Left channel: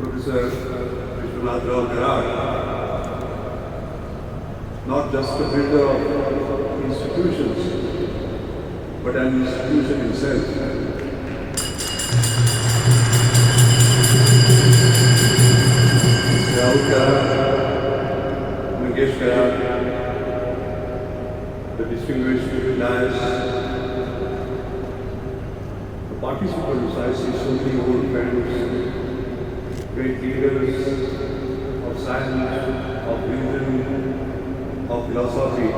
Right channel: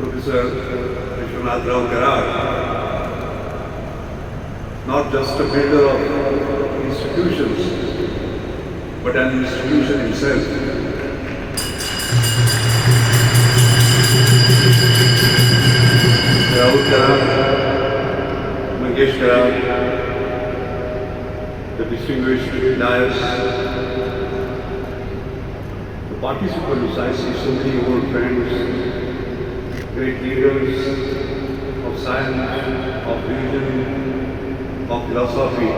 Professor Vishwanath Rao Karad, not just a builder of institutions, but an institution himself. Rahul Karad, Mangesh Karad, the distinguished liars, the participants, I see so many old friends, great leaders of science, of religion, of philosophy,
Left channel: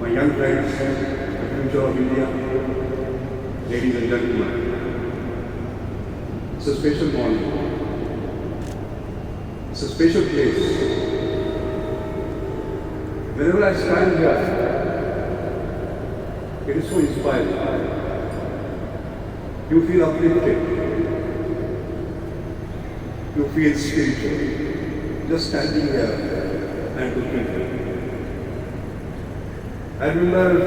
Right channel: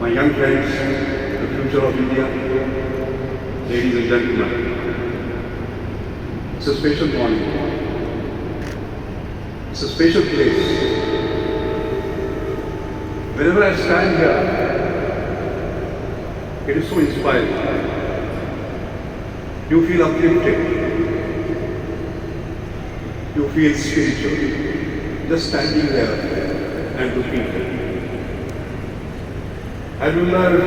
my young friends, the future of India, ladies and gentlemen. It's a special morning. It's a special place. Whenever I stand here, it is so inspiring. You feel uplifted. You feel spiritual, just standing there and looking at it. I remember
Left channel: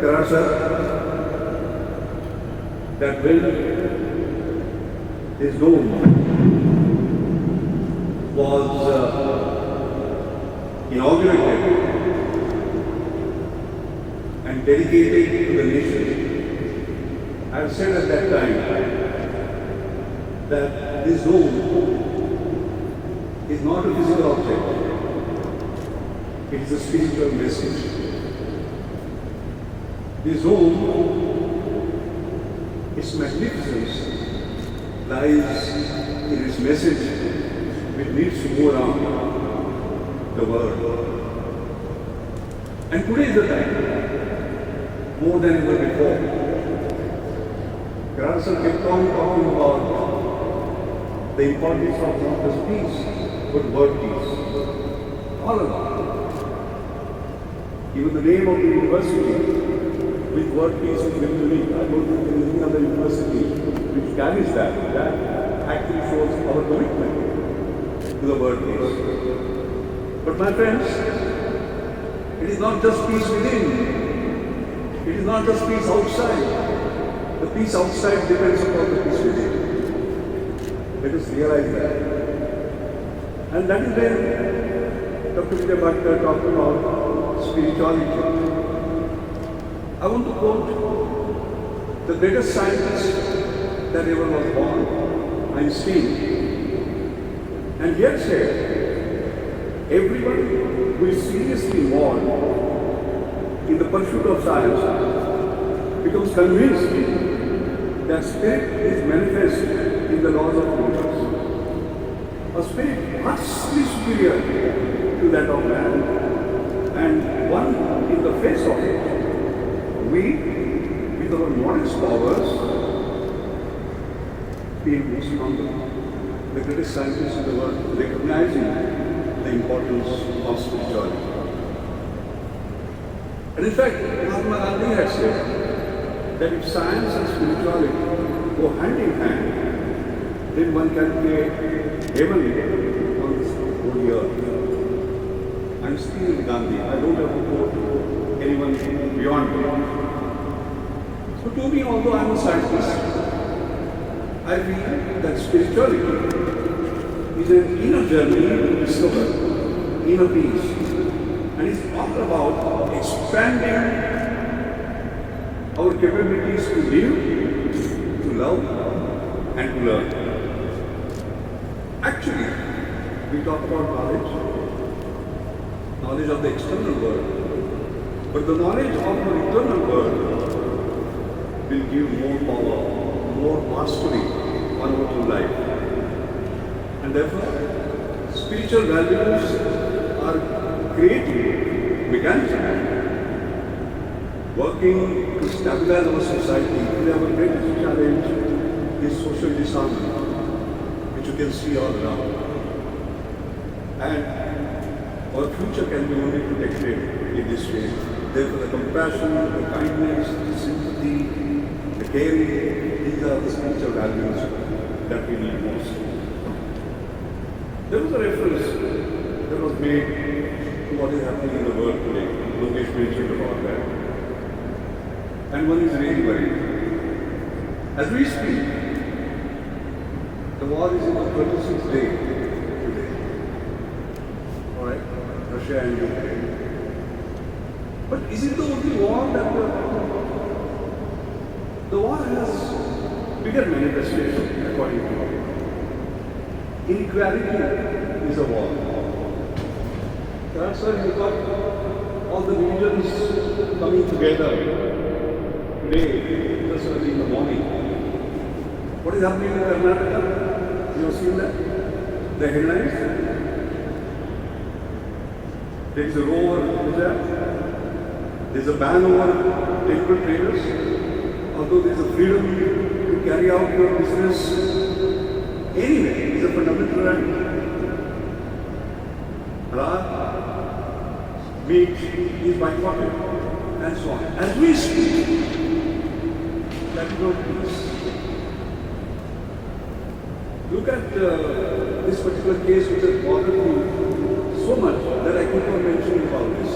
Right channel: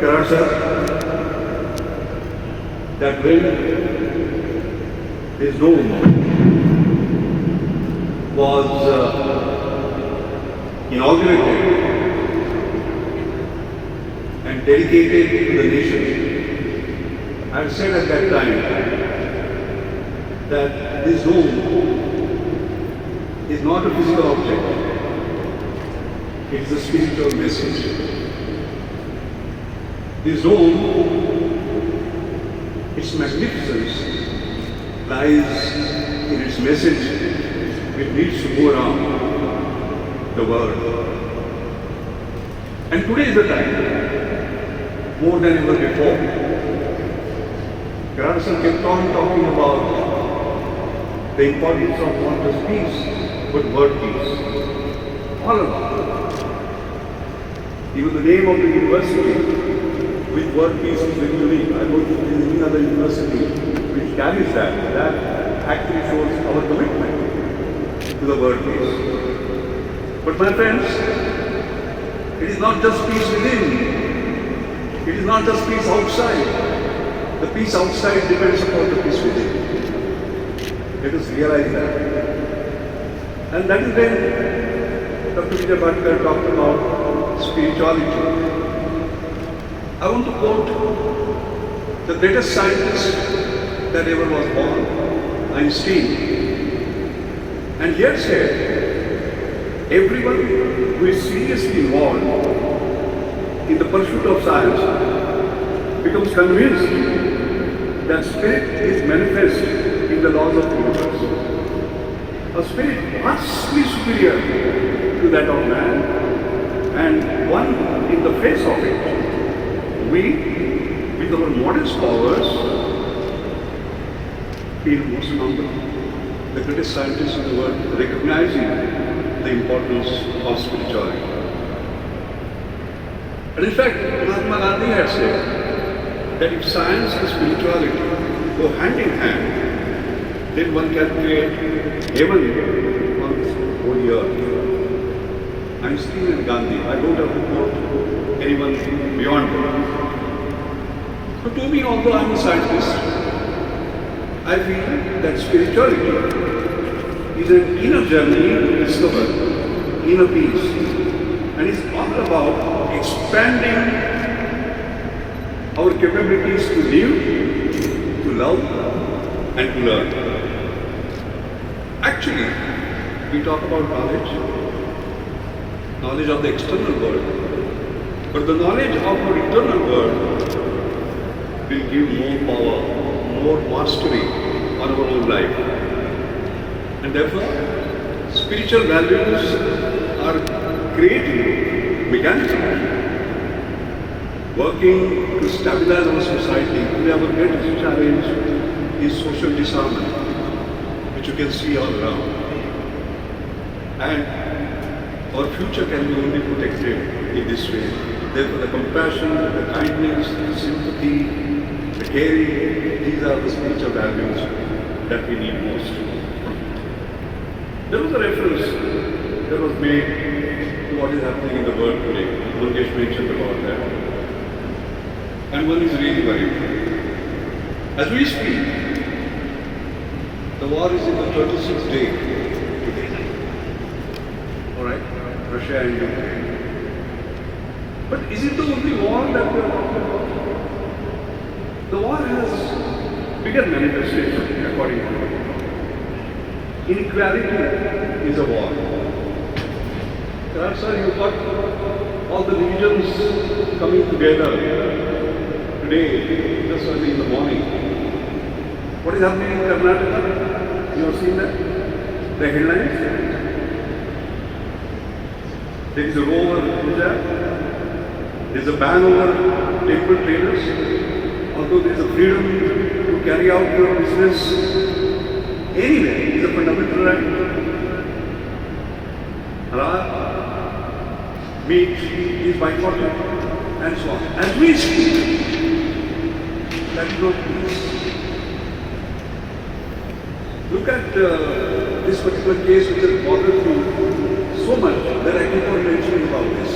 Karad sir, that when his dome was inaugurated and dedicated to the nation, I said at that time that this dome is not a physical object, it is a spiritual message. This dome, its magnificence lies in its message which needs to go around the world. And today is the time, more than ever before. Grandson kept on talking about the importance of not just peace, but word peace. All along. Even the name of the university with word peace is very unique. I don't think there is any other university which carries that. That actually shows our commitment to the word peace. But my friends, it is not just peace within. It is not just peace outside. The peace outside depends upon the peace within. Let us realize that. And that is when Dr. Vijay Bhatkar talked about spirituality. I want to quote the greatest scientist that ever was born, Einstein. And he had said, everyone who is seriously involved in the pursuit of science becomes convinced that spirit is manifest in the laws of the universe. A spirit vastly superior to that of man, and one in the face of it, we, with our modest powers, feel most humble. The greatest scientists in the world recognizing the importance of spirituality. And in fact, Mahatma Gandhi had said that if science and spirituality go hand in hand, then one can create heaven on this whole earth. Einstein and Gandhi, I don't have to quote anyone beyond them. So to me, although I am a scientist, I feel that spirituality is an inner journey to discover inner peace, and it's all about expanding our capabilities to live, to love, and to learn. Actually, we talk about knowledge of the external world, but the knowledge of our internal world will give more power, more mastery on our own life. And therefore, spiritual values are creating mechanisms working to stabilize our society. Today our greatest challenge is social disarmament, which you can see all around. And our future can be only protected in this way. Therefore, the compassion, the kindness, the sympathy, the caring, these are the spiritual values that we need most. There was a reference that was made to what is happening in the world today. Mangesh mentioned about that. And one is really worried. As we speak, the war is in the 36th day today. Alright? Russia and Ukraine. But is it the only war that we are talking about? The war has bigger manifestation according to me. Inequality is a war. Sir, you've got all the religions coming together today, just early in the morning. What is happening in Karnataka? You have seen that? The headlines? There is a row over hijab. There is a ban over temple traders. Although there is a freedom to carry out your business anywhere, it is a fundamental right. Meat is boycotted and so on. As we speak, that is not peace. Look at this particular case which has bothered me so much that I keep on mentioning about this.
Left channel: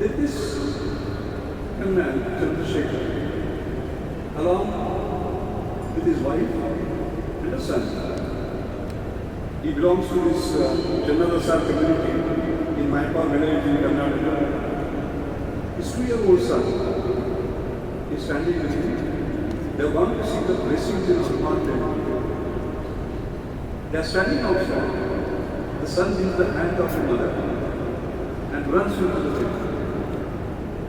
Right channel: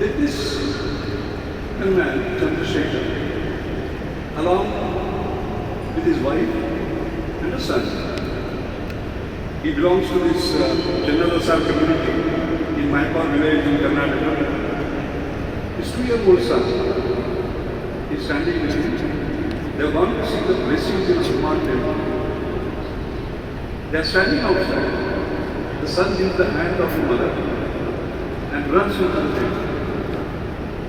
Did this young man, Chandrasekhar, along with his wife and a son, he belongs to this Jannadasar community in Maipar village in Karnataka. His 2-year-old son is standing with him. They have gone to see the blessings in Hanuman temple. They are standing outside. The son gives the hand of the mother and runs into the temple.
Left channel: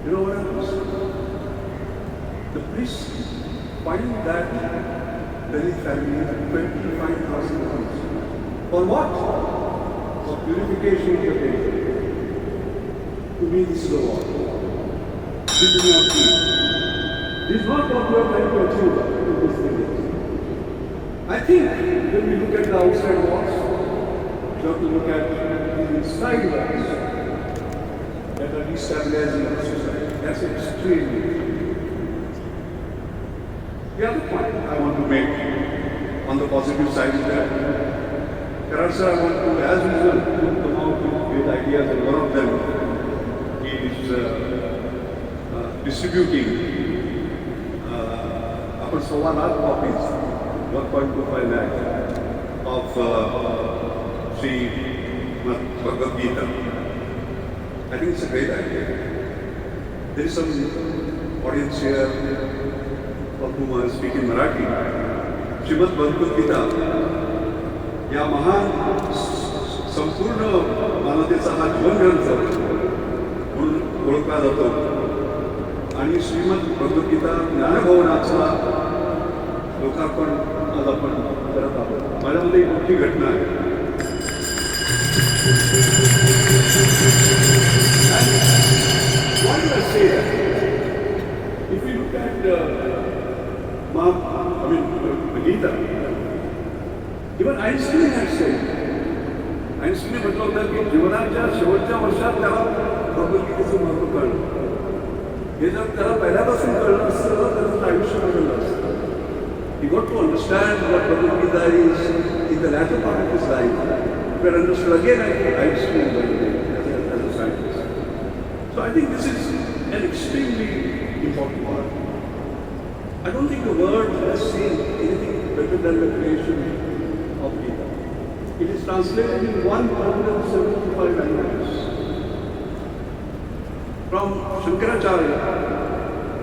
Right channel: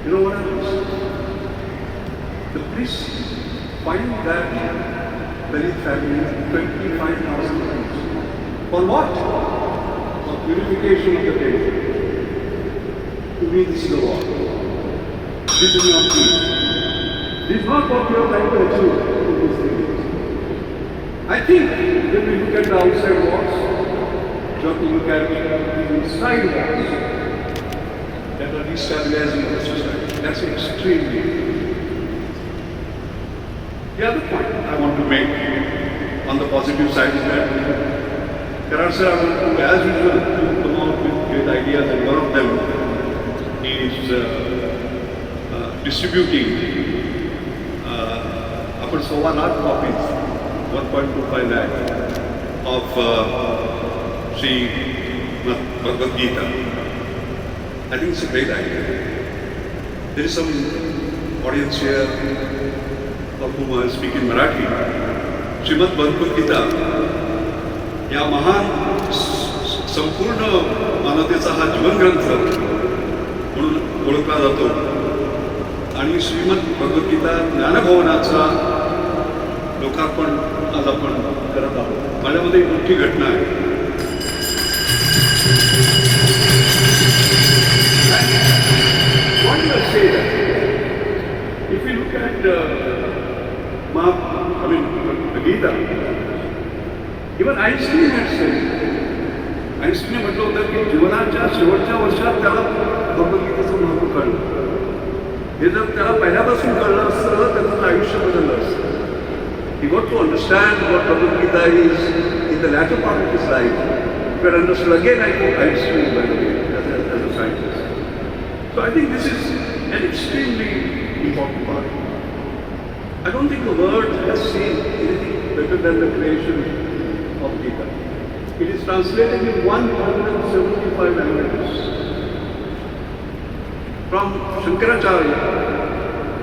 You know what happens? The police find that Dalit family 25,000 rupees. For what? For purification of the temple. To me, this is a war. This is not peace. This is not what we are trying to achieve in these things. I think when we look at the outside walls, we have to look at the inside walls that are destabilizing the society. That's extremely important. The other point I want to make on the positive side is that Karan sir, I want to, as usual, come out with ideas, and one of them is distributing upper 1 lakh copies, 1.25 lakh of Sri Bhagavad Gita. I think it's a great idea. There is some audience here of whom I speak in Marathi. Srimad Bhagavad Gita या महान संपूर्ण मानवतेचा हा जीवनग्रंथ म्हणून ओळखला जातो आणि श्रीमद भगवद्गीता ज्ञानभवनाचा लोकार्पण आज आपण करत आहोत. माझ्यामध्ये मोठी घटना आहे. Why do I say that? If we look at the Gita, even Einstein had said, Einstein म्हटलं होतं की जीवनाच्या शेवटच्या वर्षात त्याला भगवद्गीतेचं महत्त्व कळलं. हे जर त्याला पहिल्यापासून कळलं असतं तर त्याचं आयुष्य बदललं असतं. He got to understand what Bhagavad Gita is in the latter part of his life. He had understood again, I think, Einstein by the way, as a scientist. So I think this is an extremely important part. I don't think the world has seen anything better than the creation of Gita. It is translated in 175 languages. From Shankaracharya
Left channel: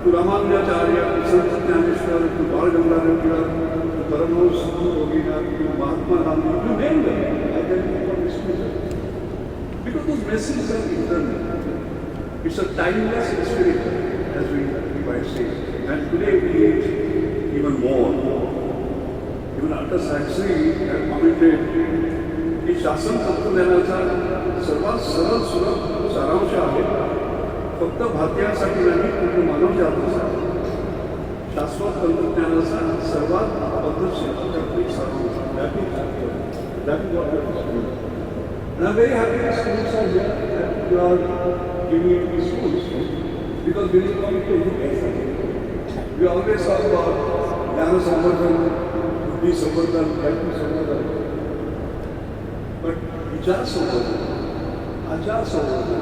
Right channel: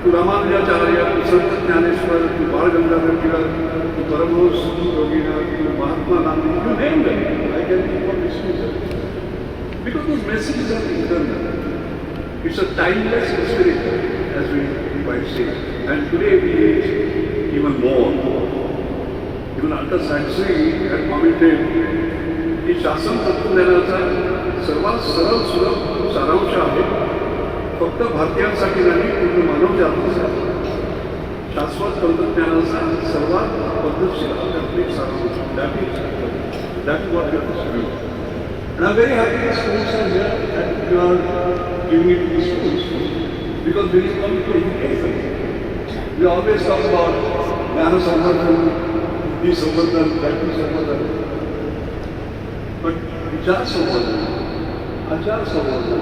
to Ramanujacharya to Sant Jnaneshwar to Bal Gangadhar Tilak to Paramahansa Yoginath to Mahatma Gandhi, you name them. I can keep on listing them. Because those messages are eternal. It's a timeless spirit, as we might say. And today we need even more. Even after Saxony had commented, की शासन तत्वज्ञानाचा सर्वात सरळ सुलभ सारांश आहे. फक्त भारतीयांसाठी नाही, पूर्ण मानवजातीसाठी शाश्वत तंत्रज्ञानाचा सर्वात पद्धतशीर आध्यात्मिक सारांश. That is what we have to do. And I'm very happy that schools are here and you are giving it to the schools because we need to education. We always talk about Jnana Samvardhan, Buddhi Samvardhan, Vaidhi Samvardhan. But Vichar Samvardhan, Achar Samvardhan,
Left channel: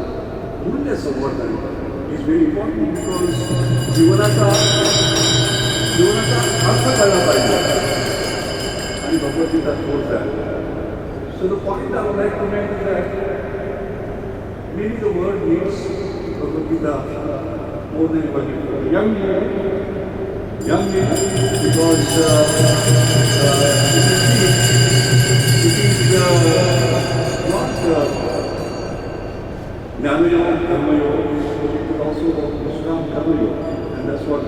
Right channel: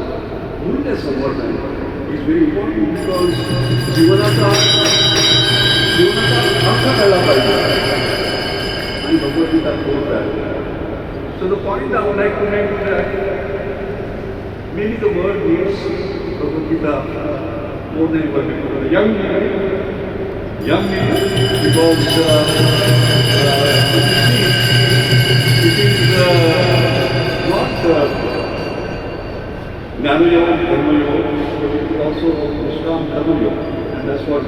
Mulya Samvardhan is very important because जीवनाचा अर्थ कळला पाहिजे आणि भगवद्गीता बोलता. So the point I would like to make is that maybe the world needs Bhagavad Gita more than ever before. Young people, because if you see, it is not Jnana Yoga, Dharma Yoga, but it is also Vishram Dharma Yoga, and that's what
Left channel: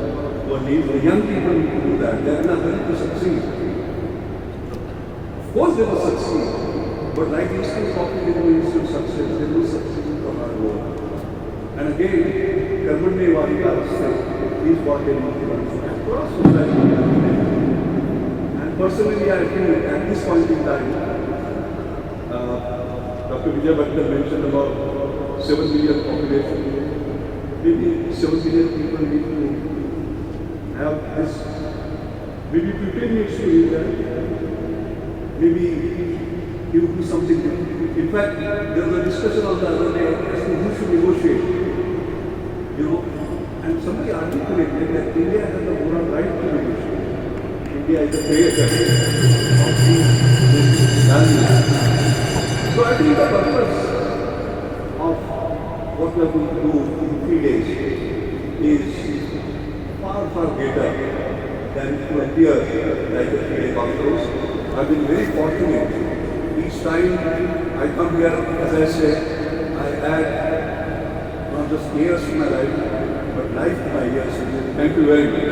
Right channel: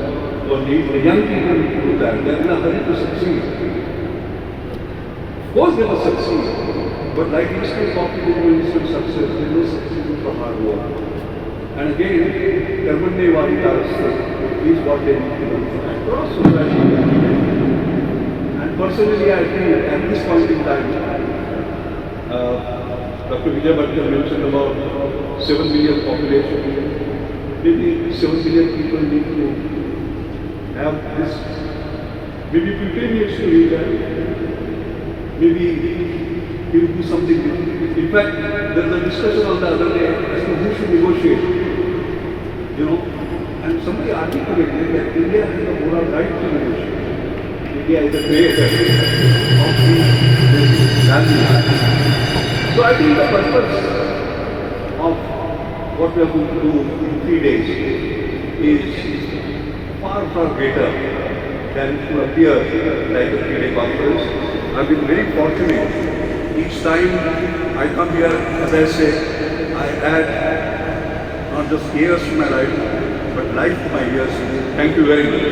one needs. The young people need to do that. They are in a hurry to succeed. Of course they must succeed, but like Eastern Copy, they will instant success. They will succeed with the hard work. And again, Karmanye Varikarastu is what they need to do across society. And personally, I feel at this point in time, Dr. Vijay Bhatkar mentioned about 7 million population. Maybe 7 million people need to have this. Maybe 15 years to read that. Maybe he will do something. In fact, there was a discussion on the other day as to who should negotiate. You know, and somebody articulated that India has the moral right to negotiate. India is the creator of these basic values. So I think the purpose of what we are going to do in 3 days is far, far greater than it would appear like a 3-day conference. I've been very fortunate. Each time I come here, as I say, I add not not just years to my life, but life to my years. Thank you very much.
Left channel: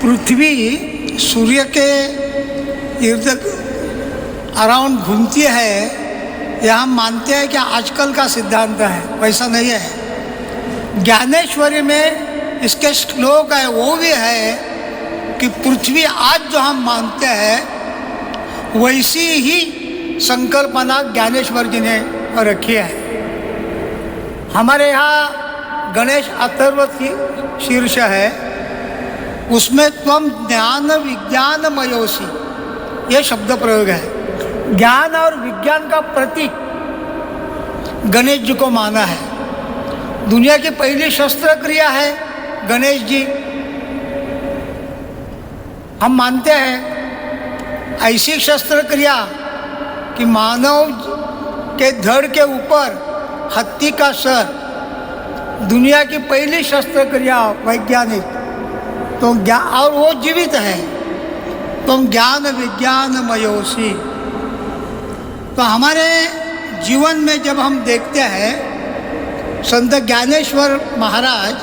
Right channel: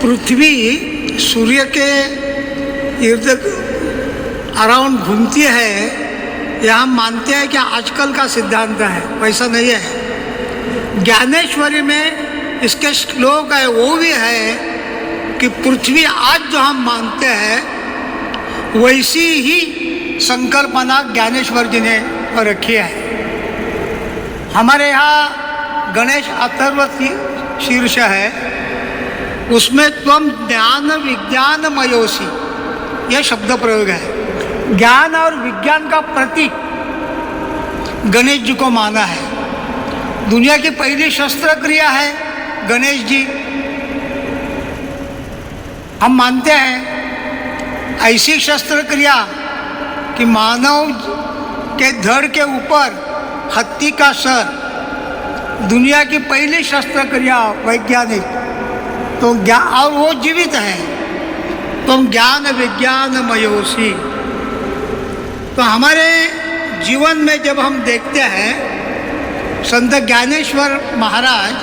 पृथ्वी सूर्य के इर्द around घूमती है, यह हम मानते हैं कि आजकल का सिद्धांत है, वैसा नहीं है। ज्ञानेश्वरी में इसके श्लोक है, वो भी है कि पृथ्वी आज जो हम मानते हैं वैसी ही संकल्पना ज्ञानेश्वर जी ने रखी है। हमारे यहाँ गणेश अथर्व शीर्ष है, उसमें त्वम ज्ञान विज्ञान मयोसी ये शब्द प्रयोग है। ज्ञान और विज्ञान का प्रतीक गणेश जी को माना है। दुनिया की पहली शस्त्र क्रिया है गणेश जी। हम मानते हैं ऐसी शस्त्र क्रिया कि मानव के धड़ के ऊपर हत्ती का सर, दुनिया की पहली शस्त्र क्रिया वैज्ञानिक, तो ज्ञान, और वो जीवित है। तुम ज्ञान विज्ञान मयोसी। तो हमारे जीवन में जब हम देखते हैं, संत ज्ञानेश्वर महाराज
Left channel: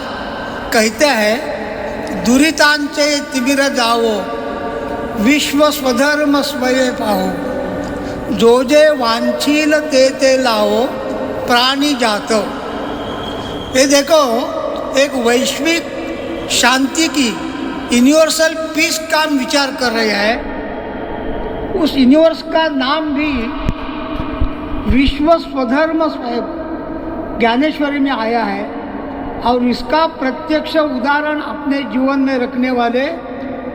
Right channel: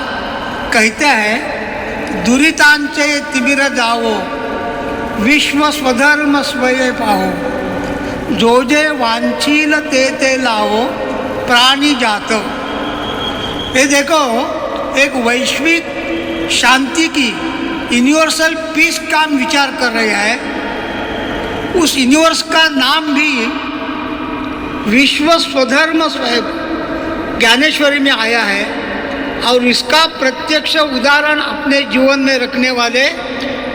कहते हैं, दुरितांचे तिमिर जावो विश्व स्वधर्म स्वये पाहो, जो जे वांछील ते लाओ प्राणी जात। ये देखो, एक वैश्विक शांति की यूनिवर्सल पीस का विचार कर रहे हैं। उस यूनिवर्स का नाम भी विश्व स्वधर्म स्वयं ज्ञानेश्वरी में आया है, और इसका प्रत्यक्ष उदाहरण अपने जीवन में रखने वाले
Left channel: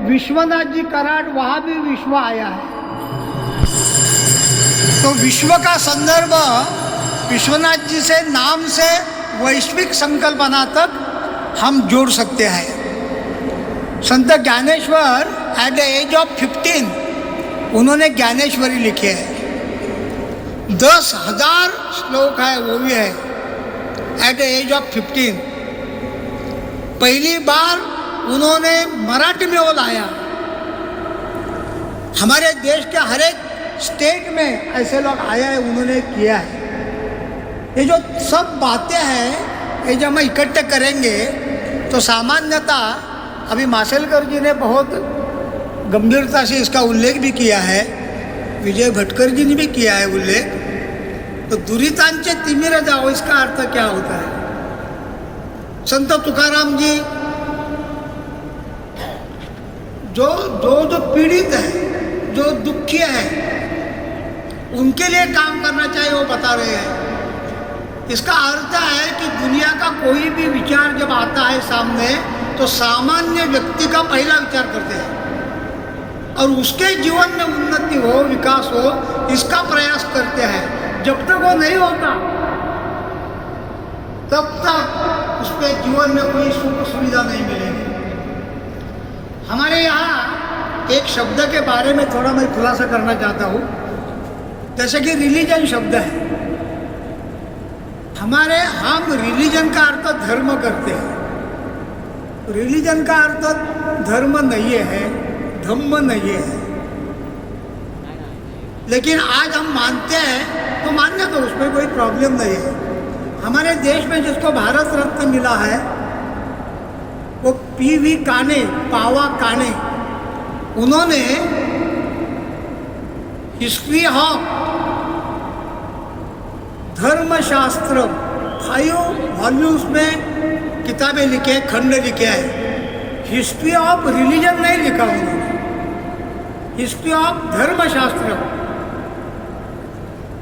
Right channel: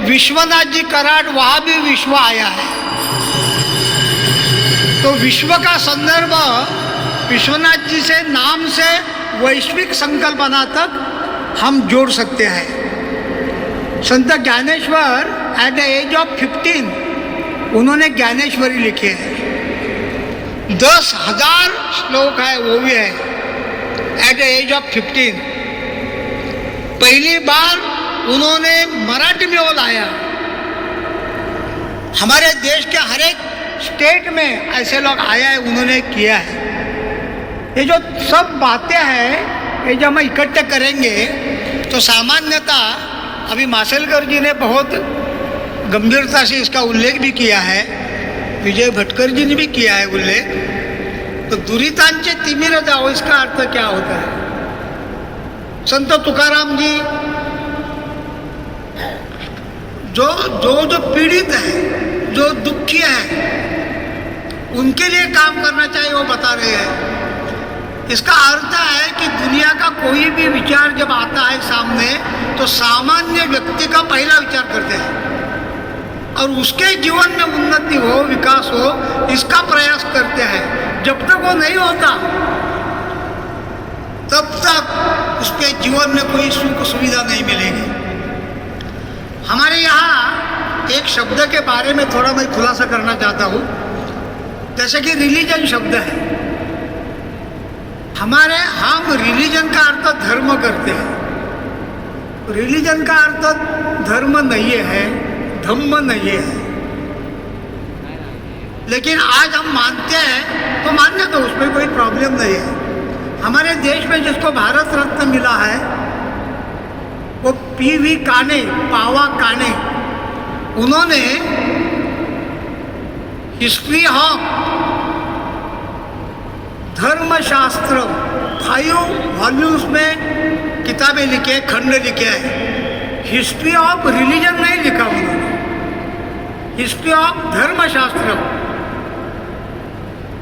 विश्वनाथ जी कराड़, वहाँ भी विश्व आया है। तो विश्व का संदर्भ विश्वनाथ जी से नाम से वैश्विक संकल्पना तक हम जोड़ सकते हैं। Sant Dnyaneshwar at the age of 15 उन्होंने ज्ञानेश्वरी लिखी है। 10,000 श्लोक है, वो भी है एट द एज ऑफ 15। पहली बार उन्होंने मराठी में वो लाया। हमारे देश के हर एक स्टेट में ऐसे लोग आया है, उन्होंने किया है। ये जो सब बातें हैं, ये जब हम इकट्ठे करेंगे तो सामान्यता अभी माशेलकर जी ने बहुत गंभीरता से इसका उल्लेख भी किया है, विजय भटकर जी ने भी किया है उल्लेख। तो दुरितांचे तिमिर जाओ, इसका अर्थ क्या होता है? संत तुकाराम जी जो पीड़ित है, जो दुखी है, उनके लिए काम करना चाहिए, वो बता रहे हैं। इसका अर्थ है कि दुनिया का कोई भी विचार जब आता है सामने, तो सामान्य व्यक्ति का पहला विचार करते हैं और उसके जीवन में उन्नति हो, विकास हो, इसका प्रयास करते हैं। जब तक वो नहीं होता तब तक उसके जीवन में कोई सुख सुविधा नहीं मिलेगी। हमारे यहाँ एक शब्द के बारे में थोड़ा मैं खुलासा करना चाहता हूँ। जैसे कि रिलीजन शब्द है, हम रिलीजन का अर्थ धर्म करते हैं। रिलीजन का अर्थ धर्म नहीं है, धम्म नहीं है। लेकिन आज हम मानते हैं तो मानने दो, उसमें कोई प्रॉब्लम नहीं है। हमारे देश में जिसको भारत रत्न मिला है वो पी.वी. काने, पावा काने, उन्होंने हिस्ट्री ऑफ धर्मशास्त्र 5 वॉल्यूम्स में किताबें लिखे, खंड लिखे हैं। हिस्ट्री ऑफ रिलीजन नहीं लिखा उन्होंने, हिस्ट्री ऑफ धर्मशास्त्र।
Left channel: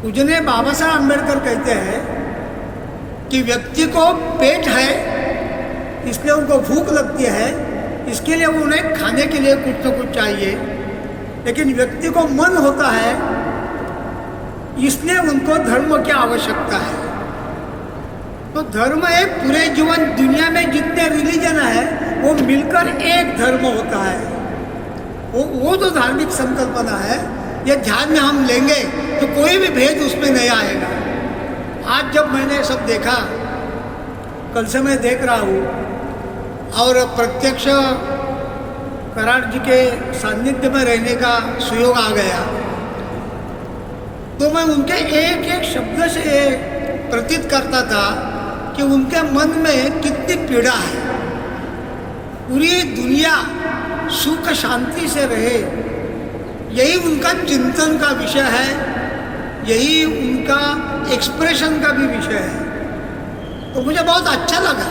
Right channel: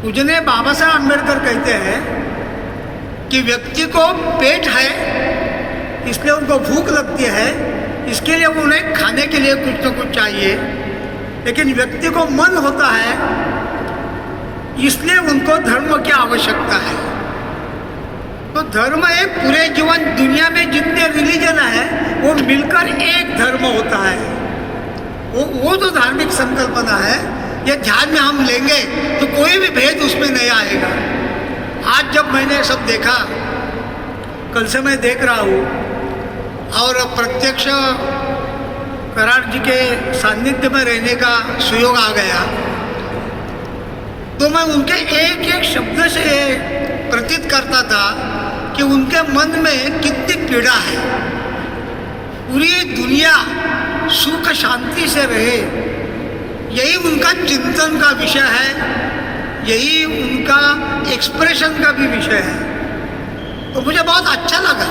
पूजनीय बाबा साहब अम्बेडकर कहते हैं कि व्यक्ति को पेट है, इसलिए उनको भूख लगती है, इसके लिए उन्हें खाने के लिए कुछ न कुछ चाहिए। लेकिन व्यक्ति को मन होता है, इसलिए उनको धर्म की आवश्यकता है। तो धर्म एक पूरे जीवन दुनिया में जितने रिलीजन है वो मिलकर एक धर्म होता है। वो जो धार्मिक संकल्पना है, ये ध्यान में हम लेंगे तो कोई भी भेद उसमें नहीं आएगा। आज जब मैंने सब देखा, कल से मैं देख रहा हूँ, और प्रत्यक्ष कराड़ जी के सानिध्य में रहने का सुयोग आ गया, तो मैं उनके एक एक शब्द से प्रतीत करता था कि उनके मन में कितनी पीड़ा है। पूरी दुनिया सुख शांति से रहे, यही उनका चिंतन का विषय है, यही उनका एक्सप्रेशन का भी विषय है। तो मुझे बहुत अच्छा लगा।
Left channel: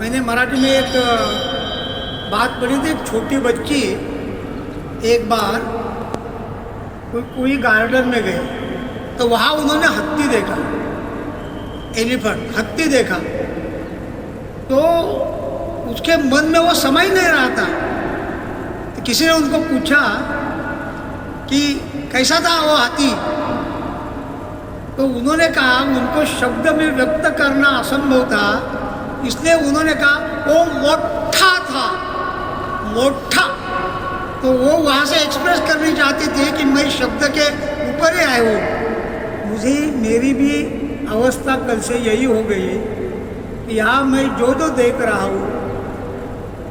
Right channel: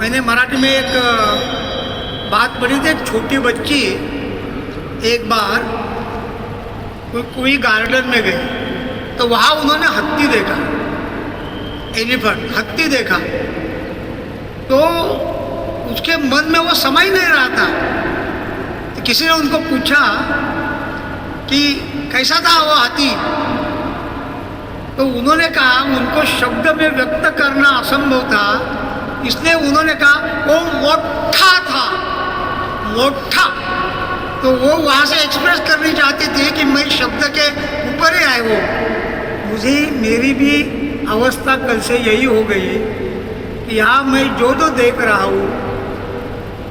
मैंने मराठी में एक बात पढ़ी थी। एक छोटी बच्ची एक बार कोई गार्डन में गई, तो वहाँ उन्होंने हत्ती देखा, एलिफेंट, हत्ती देखा। तो उसके मन में वो समझ नहीं रहा था। तो किसी ने उनको पूछा कि कैसा था वो हाथी। तो उन्होंने कहा, उनको शब्द में व्यक्त करना असंभव था, इसलिए उन्होंने कहा वो मोटा था, मोटा। तो वो वहाँ से एक्सप्रेस करनी चाहती थी कि मैं शब्द के ऊपर ही आए वो। मुझे मेरी भी अवस्था कल से यही हो गई कि यहाँ मैं जो देख रहा हूँ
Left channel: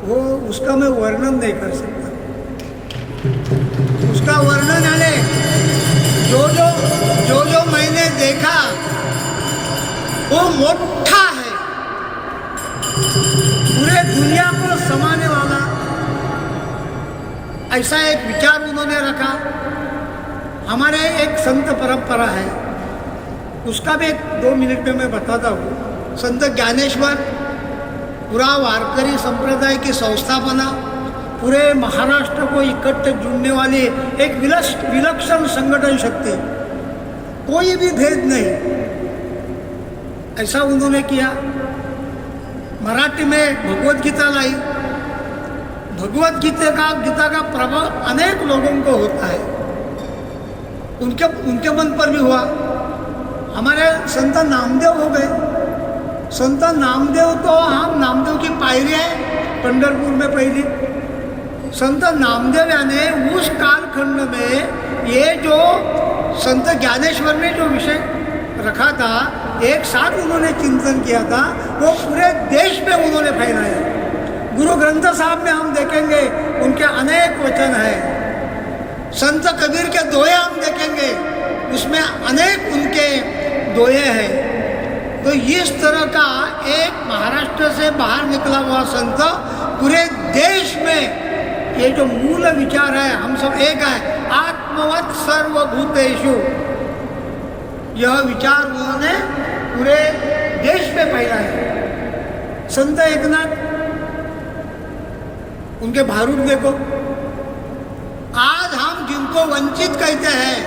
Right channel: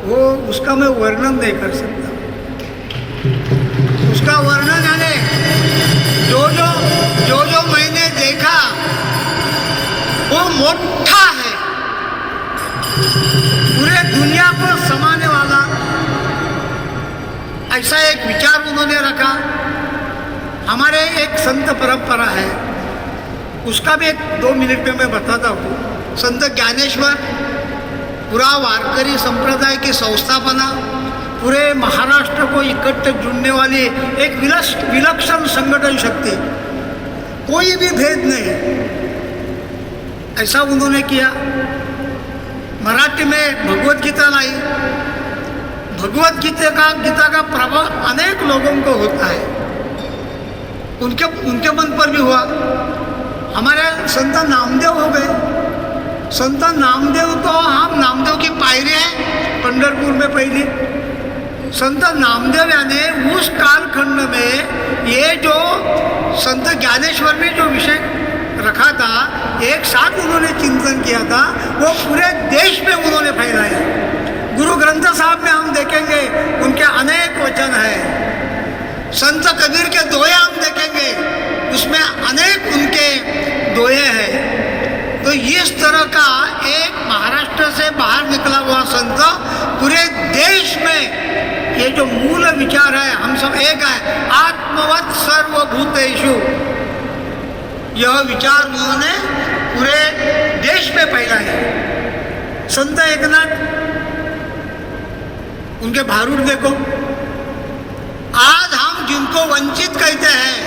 वो उसका मैं वर्णन नहीं कर सकता। उसका वर्णन यानी जो मैंने देखा वो मोटा है, पूरे दुनिया को समाने वाला, ऐसा एक विचार उन्होंने रखा। हमारे एक संत परंपरा है, उसका भी एक 2 मिनट में मैं बताता हूँ। संत ज्ञानेश्वर पूरा वारकरी संप्रदाय की संस्थापना, पूरे महाराष्ट्र को इकट्ठे जुड़ने वाली एक विलक्षण संगठन शक्ति, कोई भी भेद नहीं, ऐसा उन्होंने किया। मराठी में भगवत गीता लाई। भगवत गीता का प्रभाव अनेक लोगों को होता है, उनके मन पर भी हुआ। हमारे संत नामदेव हो गए। संत नामदेव, तो हम नामदेव की पायरी है पंढरपुर में पहली। संत नामदेव यानी उस कालखंड में ये जो संत ज्ञानेश्वर ने जो विषय रखा था, एक साथ उन्होंने चिंतन किया था, वो पूरे देश में उन्होंने फैलाया। गुरु ग्रंथ साहब में हम देखेंगे उनके अनेक वचन हैं। संत कबीर के दोहे हम देखेंगे, उसमें अनेक उनके दोहे हैं। तो इस तरह का एक महाराष्ट्र से बाहर निकला हुआ संत पूरे देश में ये जो मूल विचार है, हम सब एक है, आत्मवत् सर्वभूतेषु, यह विचार उन्होंने पूरे देश में फैलाया। संत एकनाथ, उनके भारूड देखो। आज हम जिनको वंचित कहते हैं,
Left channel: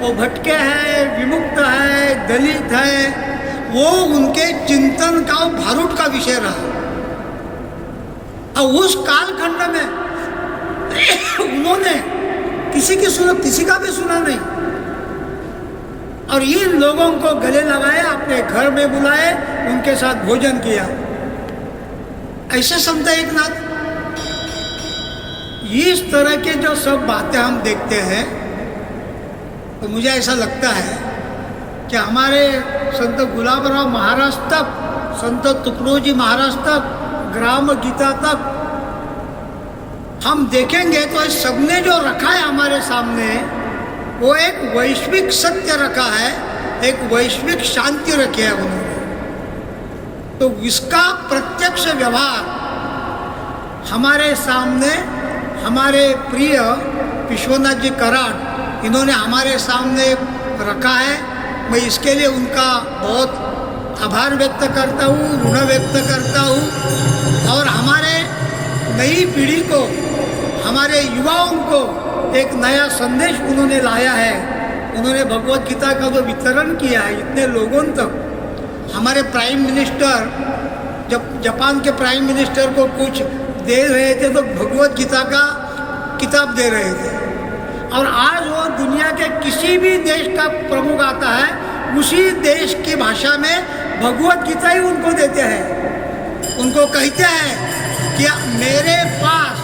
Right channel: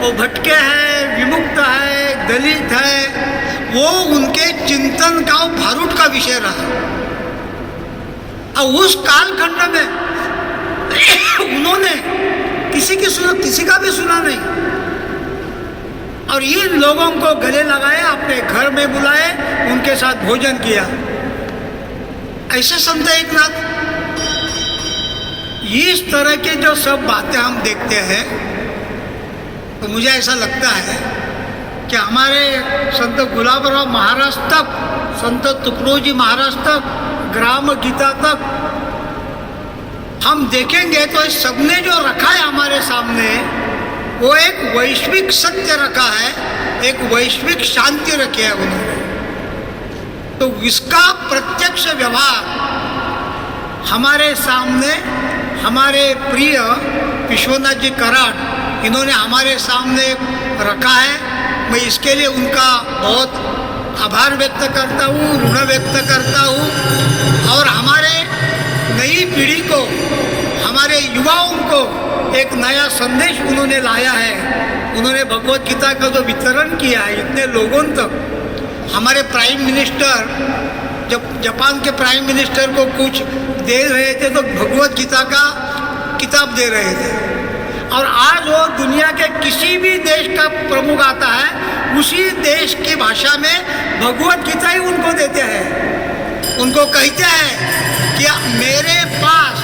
वो भटके हैं, विमुक्त है, दलित है, वो उनके चिंतन का भारूड का विषय रहा। और उस कालखंड में उन्होंने किसी का भी सुना नहीं, और इन लोगों को गले लगाए, अपने घर में बुलाए, उनके साथ भोजन किया। ऐसे संत एकनाथ। इस तरह के जो सब बातें हम देखते हैं, तो मुझे ऐसा लगता है कि हमारे संत गुलाबराव महाराज तक, संत तुकडोजी महाराज तक, ग्राम गीता तक हम देखेंगे तो इस सबने जो रखा है हमारे सामने, वो एक वैश्विक सत्य रखा है, एक वैश्विक शांति रखी है उन्होंने। तो इसका प्रत्यक्ष व्यवहार हमारे सामने हमारे प्रिय विश्वनाथ जी कराड, इन्होंने हमारे सामने रखा है। मैं इसके लिए उनका बहुत आभार व्यक्त करता हूँ, ऋण व्यक्त करता हूँ। और हमारे नई पीढ़ी को, हमारे युवाओं को एक नया संदेश उन्होंने लाया है। उन्होंने भगवत गीता का जो वितरण किया है इतने लोगों तक। हमारे प्राइम मिनिस्टर, जब जापान के प्राइम मिनिस्टर को कुछ दे रहे थे तो भगवत गीता का किताब दे रहे थे। और आज वो दुनिया के किसी भी देश का प्रमुख आता है, उसी देश की भाषा में भगवत गीता ही उनको देते हैं। उनको कहते हैं कि मेरे पास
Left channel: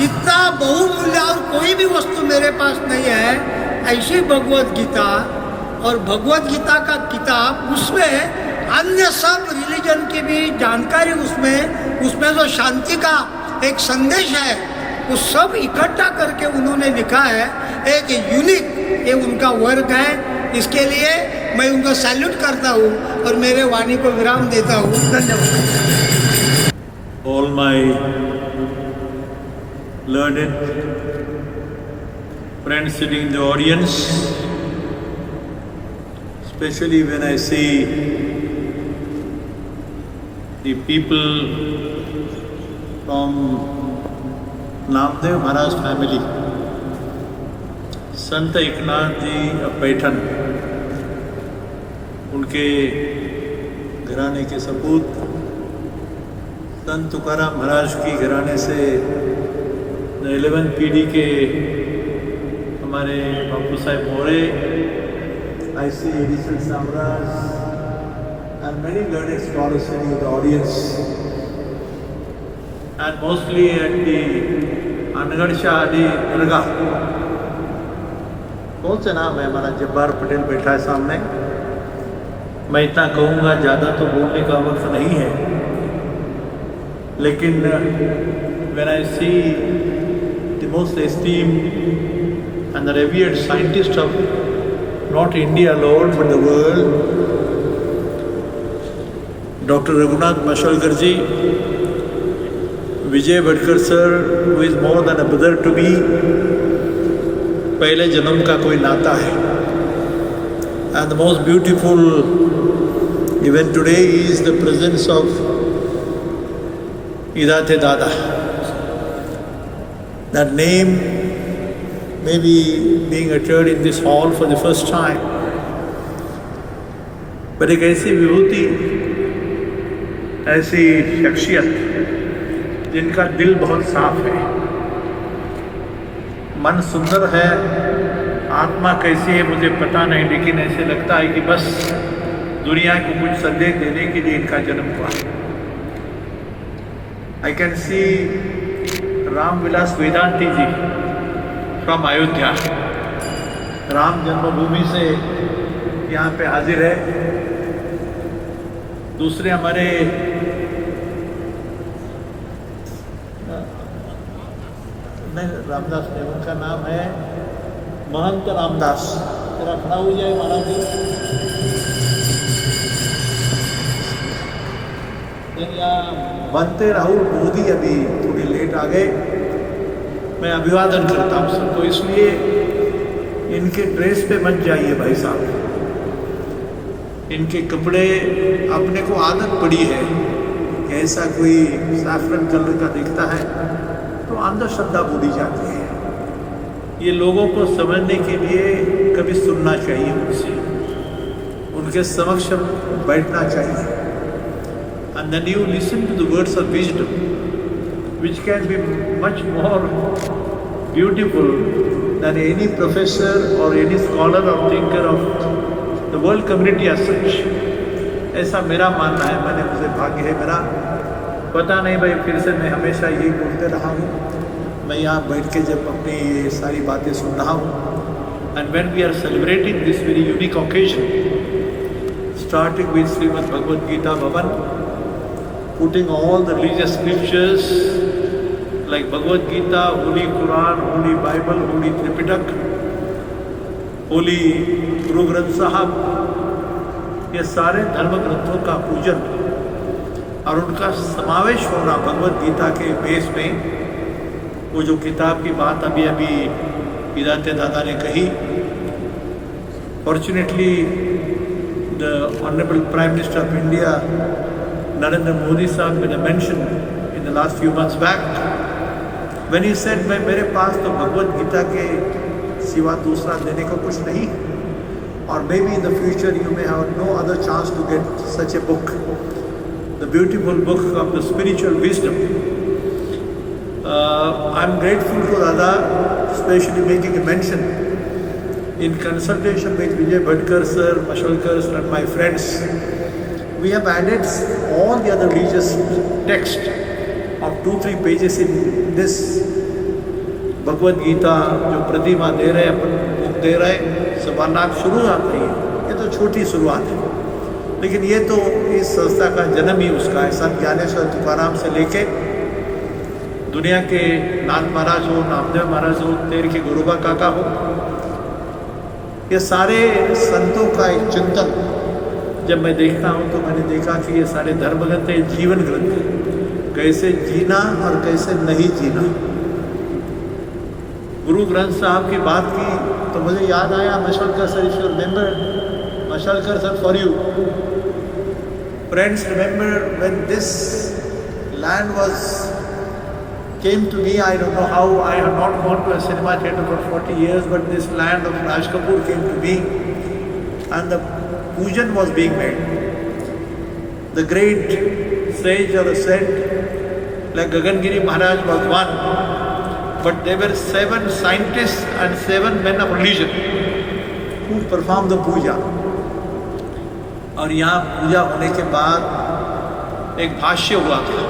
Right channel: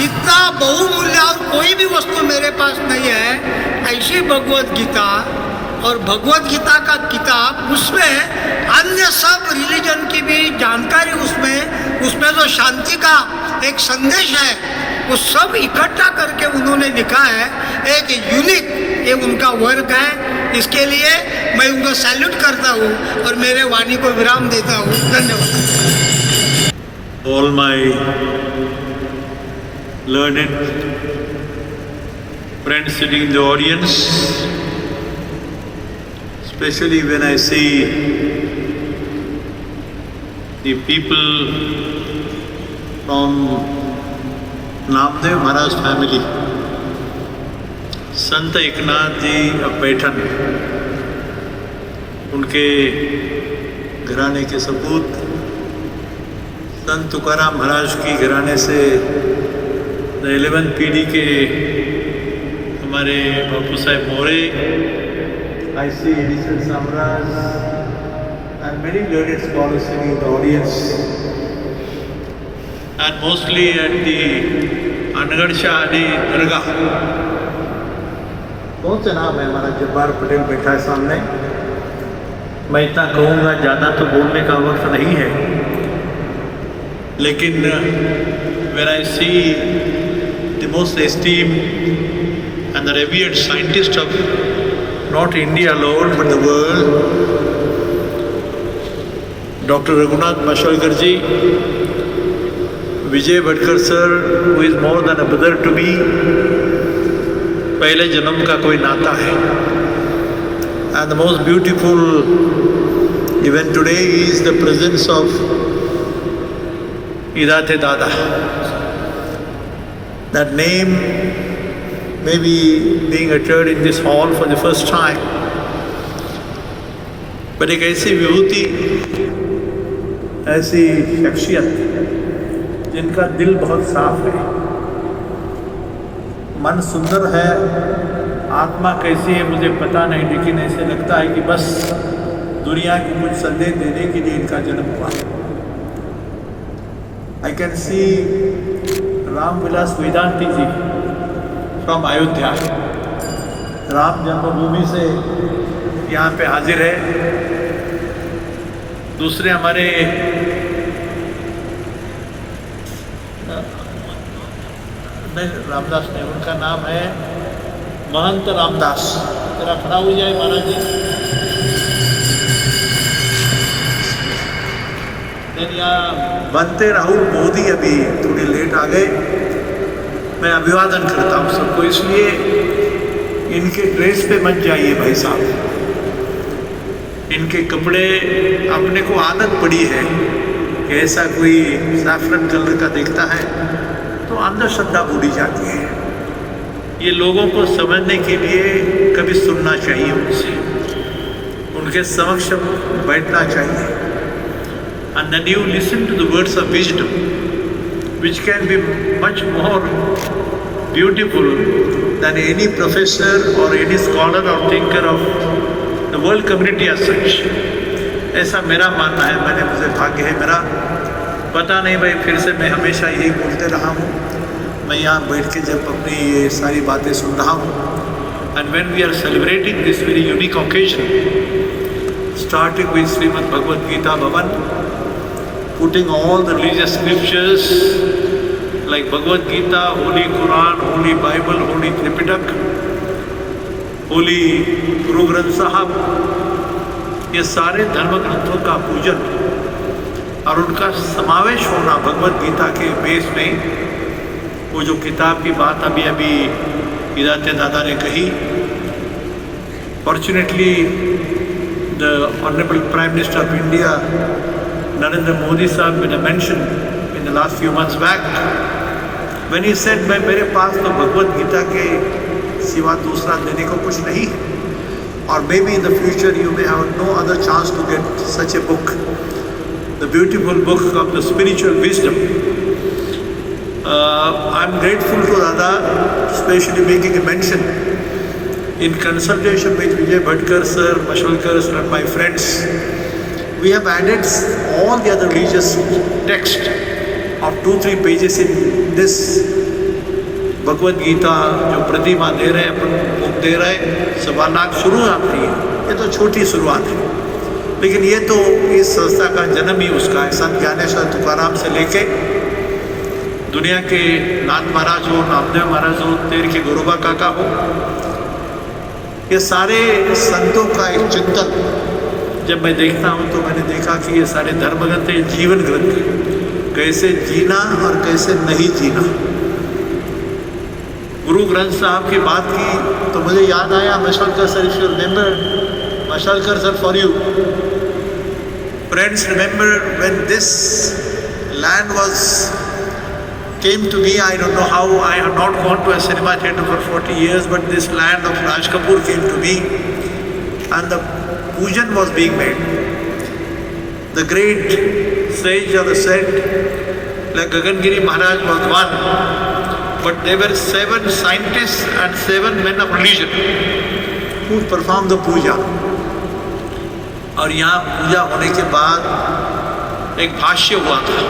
इतना बहुमूल्य और कोई भी वस्तु मेरे पास नहीं है, ऐसी भगवत गीता। और भगवत गीता का किताब, उसमें अन्य सब रिलीजन की भी जानकारी, उसमें जो शांति का एक संदेश है, वो सब इकट्ठा करके उन्होंने लिखा है। एक यूनिक, ये उनका वर्क है। इसके लिए मैं उनको सैल्यूट करता हूँ और मेरे वाणी को विराम देता हूँ। धन्यवाद। All my learned friends sitting in the audience, especially when I see the people from Namdev Maharaj family, Sant Eknath ji of Paithan, उनके घराने के सपूत संत तुकाराम महाराज की घराने से 11th पीढ़ी के हमारे बापू साहेब मोरे, I see Edison Samras and many learned scholars sitting in the audience, and mostly at the अनगढ़ शाह अली दरगाह। कौन सा नाम है हमारा? जब्बार पटेल बैठा है सामने। मैं इतना कहूँगा, ज़्यादा तो बोलने का वक्त नहीं है, लेकिन when I see the most esteemed and the revered scientist of not India alone but the world, Dr. Raghunath Mashalkar ji, Vijay Bhatkar sir, who is more than a brother to me, पहले जन्म का कोई नाता है, and the most beautiful event today is the presence of Idate Dada. That name may be being uttered in this hall for the first time, but एक ऐसी विभूति, ऐसी शख्सियत जिनका दिल बहुत साफ है, मन सुंदर है, आत्मा कैसी है मुझे पता नहीं, लेकिन ऐसे लगता है कि बस दुनिया को कुछ संदेश देने के लिए इनका जन्म हुआ। I can see Ram Vilas Vedanti ji from Ayodhya, Ram जन्मभूमि से यहाँ पे हाजिर है। दूसरे हमारे रामदास ने, उनका नाम है महंत रामदास। जरा खड़ा हो जाए महाराज जी। बनते राहुल मोदी अभी थोड़ी लेट आ गए। मैं अभिवादन करता हूँ सबको, इसलिए इनके ड्रेस पे मत जाइए भाई साहब। इनके कपड़े, अपने को आदत पड़ी है कि ऐसा कोई सैफरन कलर का दिखता है तो अंधश्रद्धा बुरी जाती है। ये लोगों को समझने के लिए कभी सुनना चाहिए उनसे, उनके समक्ष बैठना चाहिए। And then you listen to the words of wisdom, which can be much more beautiful than any professor or any scholar or thinker of the world community as such. ऐसा मेरा मानना है। मैंने, मुझे भाग्य है मेरा, पता नहीं भाई, फिर से मैं हमेशा यही बोलते रहा हूँ। मैं यहाँ बैठ के जब अपनी ये सारी बातें सुन रहा हूँ, and when we are celebrating this very unique occasion, starting with Srimad Bhagavad Gita Bhavan, putting all the religious scriptures like Bhagavad Gita, Holy Quran, Holy Bible, Holy Tripitak, Holy Guru Granth Sahib, ये सारे धर्म ग्रंथों का पूजन और उनका समावेश होना भगवद गीता के बेस में। वो जो किताब की बात अभी अभी इदाते दादा ने कही, fortunately the honourable prime minister of India Narendra Modi sahab made a mention in the last few months back when he said, मैं, मेरे पास तो भगवद गीता के सिवा दूसरा देने को कुछ नहीं, और maybe in the future you may have no other chance to get such a book, the beautiful book of the spiritual wisdom. I'm grateful to Dada, especially making a mention in consultation with Vijay Bhatkar sir, Mashalkar sir and my friends. We have added all the other religious text of 2-3 pages in this Bhagavad Gita जो प्रतिमा दे रहे हैं, book दे रहे हैं। सवानाक शुरुआत थी, ये तो छोटी शुरुआत है, लेकिन ये तो इस संस्था का जन्म ही उसका है। संत ज्ञानेश्वर तुकाराम से लेके दुनिया के नाथ महाराज हो, नामदेव महाराज हो, तेर के गुरुबा काका हो, ये सारे संतों का एक चिंतन जब मैं देखता हूँ तो मैंने देखा कि ये सारे धर्म ग्रंथ हैं, जीवन ग्रंथ हैं, कैसे जीना और कैसे नहीं जीना। गुरु ग्रंथ साहब की बात की तो मुझे याद आया Mashalkar sir, if you remember Mashalkar sir for you friends, remember when this land was came to me, I don't know how, I have not gone to a cinema theatre for 40 years, but this land of Raj Kapoor came to me and the pujan was being made. The great sage or the saint like Gagan Giri Maharaj was one, but there were 7 scientists and 7 men of religion who performed the puja. और यहाँ पूजा होने के बाद एक भाष्य हुआ था।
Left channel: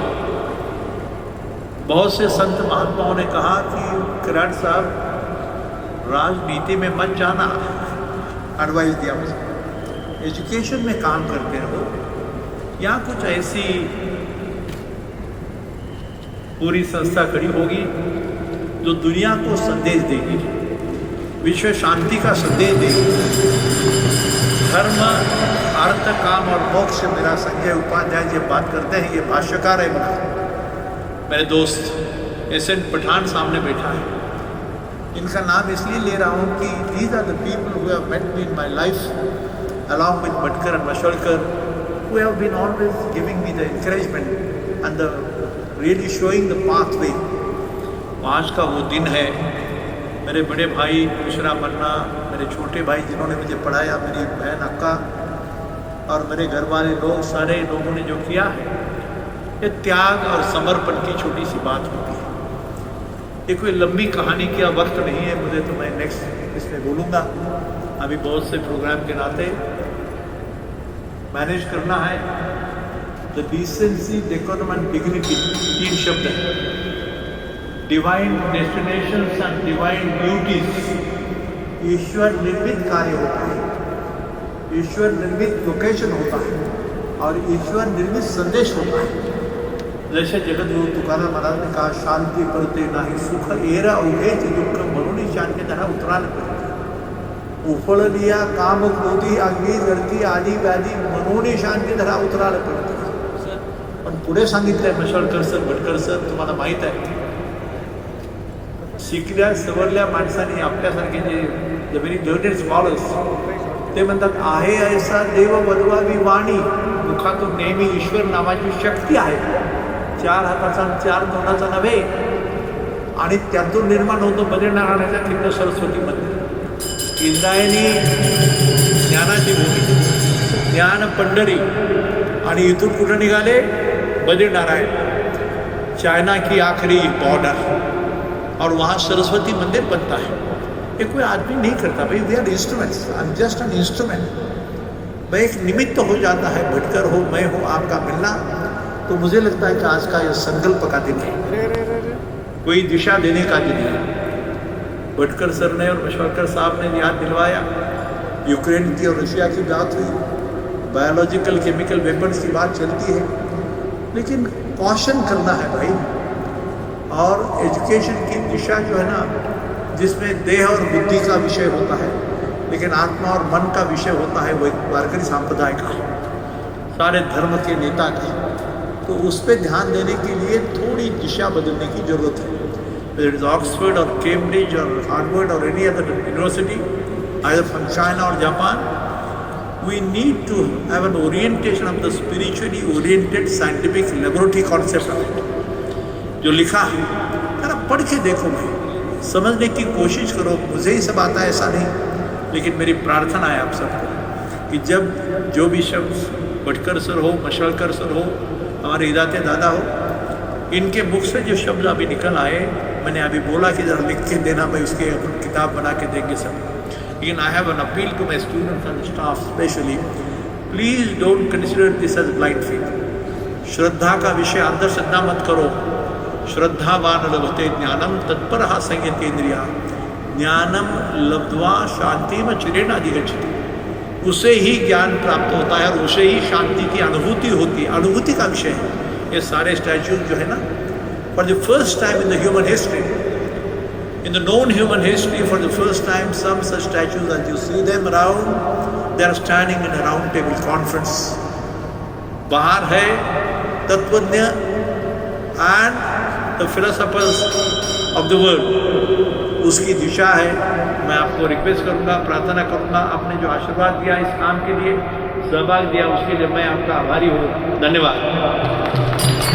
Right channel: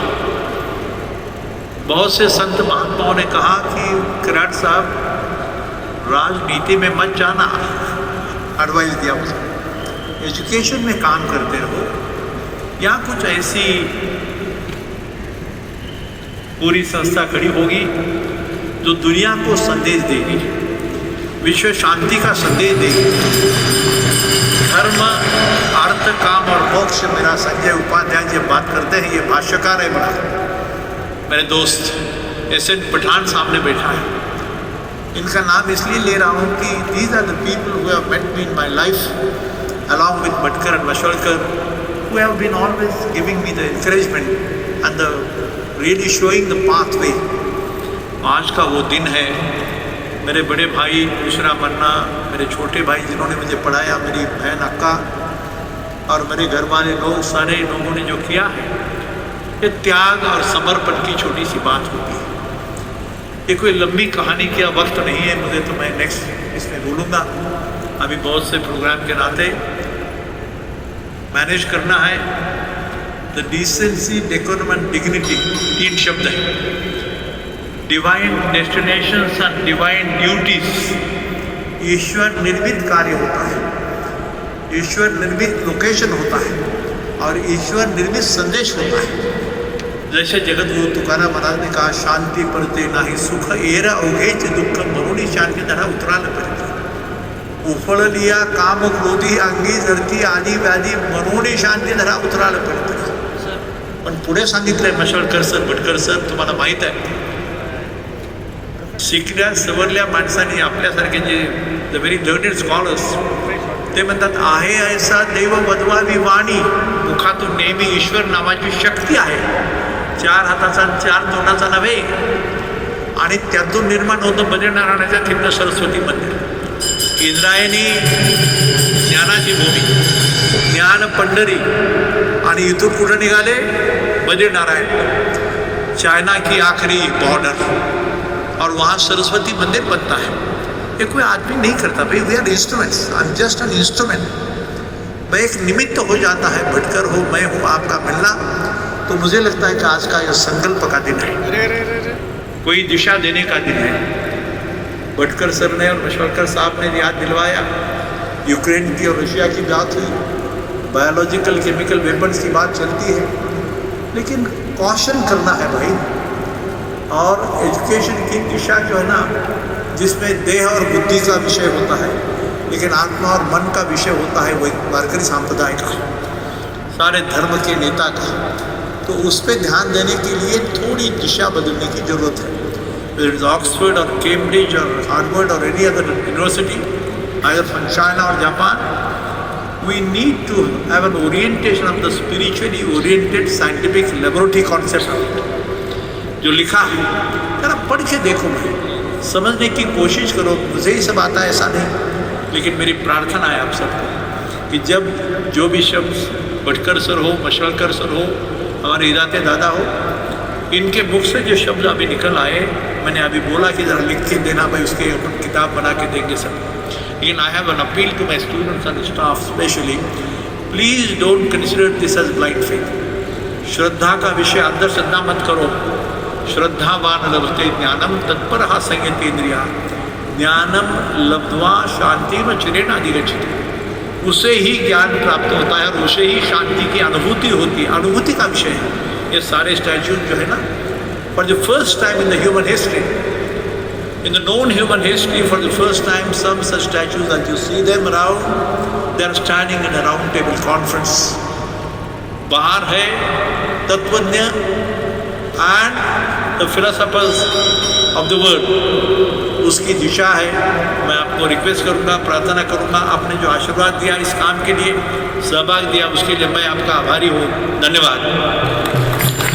बहुत से संत महात्माओं ने कहा कि किराट साहब राजनीति में मत जाना, एडवाइस दिया मुझे, एजुकेशन में काम करते रहो। यहाँ कुछ ऐसी पूरी संस्था खड़ी होगी जो दुनिया को संदेश देगी, विश्व शांति का संदेश देगी। धर्म, अर्थ, काम और मोक्ष, मेरा संजय उपाध्याय जी बात करते हैं, ये भाष्यकार है बड़ा, मेरे दोस्त एस.एन. पठान सामने बैठा है। इनका नाम इसलिए ले रहा हूँ कि these are the people who have met me in my life along with Bhatkar and Mashelkar, who have been always giving me the encouragement and the really showing the pathway. आज का वो दिन है। मेरे बड़े भाई दूसरा मन्ना, मेरे छोटे भाई जिन्होंने मुझे पढ़ाया, मेरी बहन अक्का और मेरे घर वाले लोग, सारे लोगों ने जो किया है, ये त्याग और समर्पण की छोटी सी बात होती है। ये कोई लंबी कहानी का वक्त नहीं है मुझे, तो मैं नेक्स्ट इसमें बोलूँगा। अभी बहुत से प्रोग्राम के नाते मैनेज करना है। The decency, decorum and dignity 3 शब्द हैं। Divine destinations and divine duties. ईश्वर निर्मित कार्य होता है, ईश्वर निर्मित लोकेशन होता है और ईश्वर निर्मित संदेश होता है। जैसे जगत गुरु तुकाराम महाराज ने कहा, शांति पडते नाही सुख एरा ओघेच दुःख मरुणी शांती धरा उतराल पडते। उफळ लिया काम क्रोधी अंगी जडती आदी व्याधी मरुणी शांती धरा उतराल पडते। पण पुढे सांगितलंय मशालकर सर, भटकर सर, तुम्हाला माहीत आहे, शिकल्या सवरल्या माणसांनी आपल्यासारखे जे द व्हेरी लर्नेड स्कॉलर्स, ते म्हणतात आहे ऐसा देव वदवावी वाणी, मुखातून नेहमी ईश्वर नावाची शक्ती आहे, 4 हाताचा आणि 4 तोंडाचा नव्हे, आणि त्यातून निर्माण होतं बद्रीनारायणाच्या तिथं सरस्वती मंदिर। इंद्रायणी ज्ञानाची भूमी, ज्ञान पंढरी, आणि इथून कुठं निघाले, बद्रीनारायण, चाइना की आखिरी बॉर्डर, और वहाँ सरस्वती मंदिर बनता है। ये कोई आदमी नहीं करता भाई, we are instruments, I am just an instrument. मैं एक निमित्त हो जाता है, भटकर हो, मैं हूँ, आपका मिलना। तो मुझे लगता है कि आज का यह संकल्प का दिन है, कोई दिशा देने का दिन है। भटकर सर ने और मशवलकर साहब ने याद दिलवाया, यूक्रेन की और रशिया की बात हुई, बायोलॉजिकल केमिकल वेपन्स की बात चलती है, लेकिन कॉशन करना है भाई। और एजुकेशन की दिशा जो है ना, जिसमें देह और बुद्धि का विषय होता है, लेकिन आत्मा और मन का विषय होता है, वो एक वारकरी संप्रदाय का, सारे धर्म के नेता का, तो उस पर ध्यान देने के लिए थोड़ी दिशा बदलने की ज़रूरत है। whether it's Oxford or Cambridge or Harvard or any other university, either from China or Japan, we need to have an orientation of the spiritually oriented scientific laboratory concept of it. जो लिखा है जरा पढ़ के देखो भाई, समझने की कोशिश करो। मुझे ही सब आता है ऐसा नहीं, लेकिन मेरी प्रार्थना है आप सबको कि जब जो भी शब्द भटकर सर हो, मशवलकर सर हो, हमारे इदाते दादा हो, इनके मुख से जो शब्द अभी निकल आए, मैंने अभी बोला कि ज़रा लिख के देना भाई, उसके अपन किताब बना के देंगे सब। लेकिन I have an appeal to my students and staff specially, please don't consider this as blind faith. श्रद्धा का विषय अंधश्रद्धा मत करो। श्रद्धावान लभते ज्ञानम तत्पर संयतेन्द्रिया, ज्ञानम लब्ध्वा शांति में चिरेण अधिगच्छति। उसे ही ज्ञान प्राप्त होता है और उसे ही शांति की अनुभूति होती है। अनुभूति का विषय है ये सारे स्टैच्यूज जो है ना। For the first time in the human history In the known human history, for the first time, some such statues, as you see them around, they are standing in a round table conference. बाहर है तत्वज्ञ and the philosophers of the world. उसकी दिशा है. मैं आपको request करूँगा, प्रार्थना करूँगा, आपने जो आशीर्वाद दिया इस काम के लिए, सहभाग दिया, उसके लिए मैं आपका आभारी हूँ. धन्यवाद.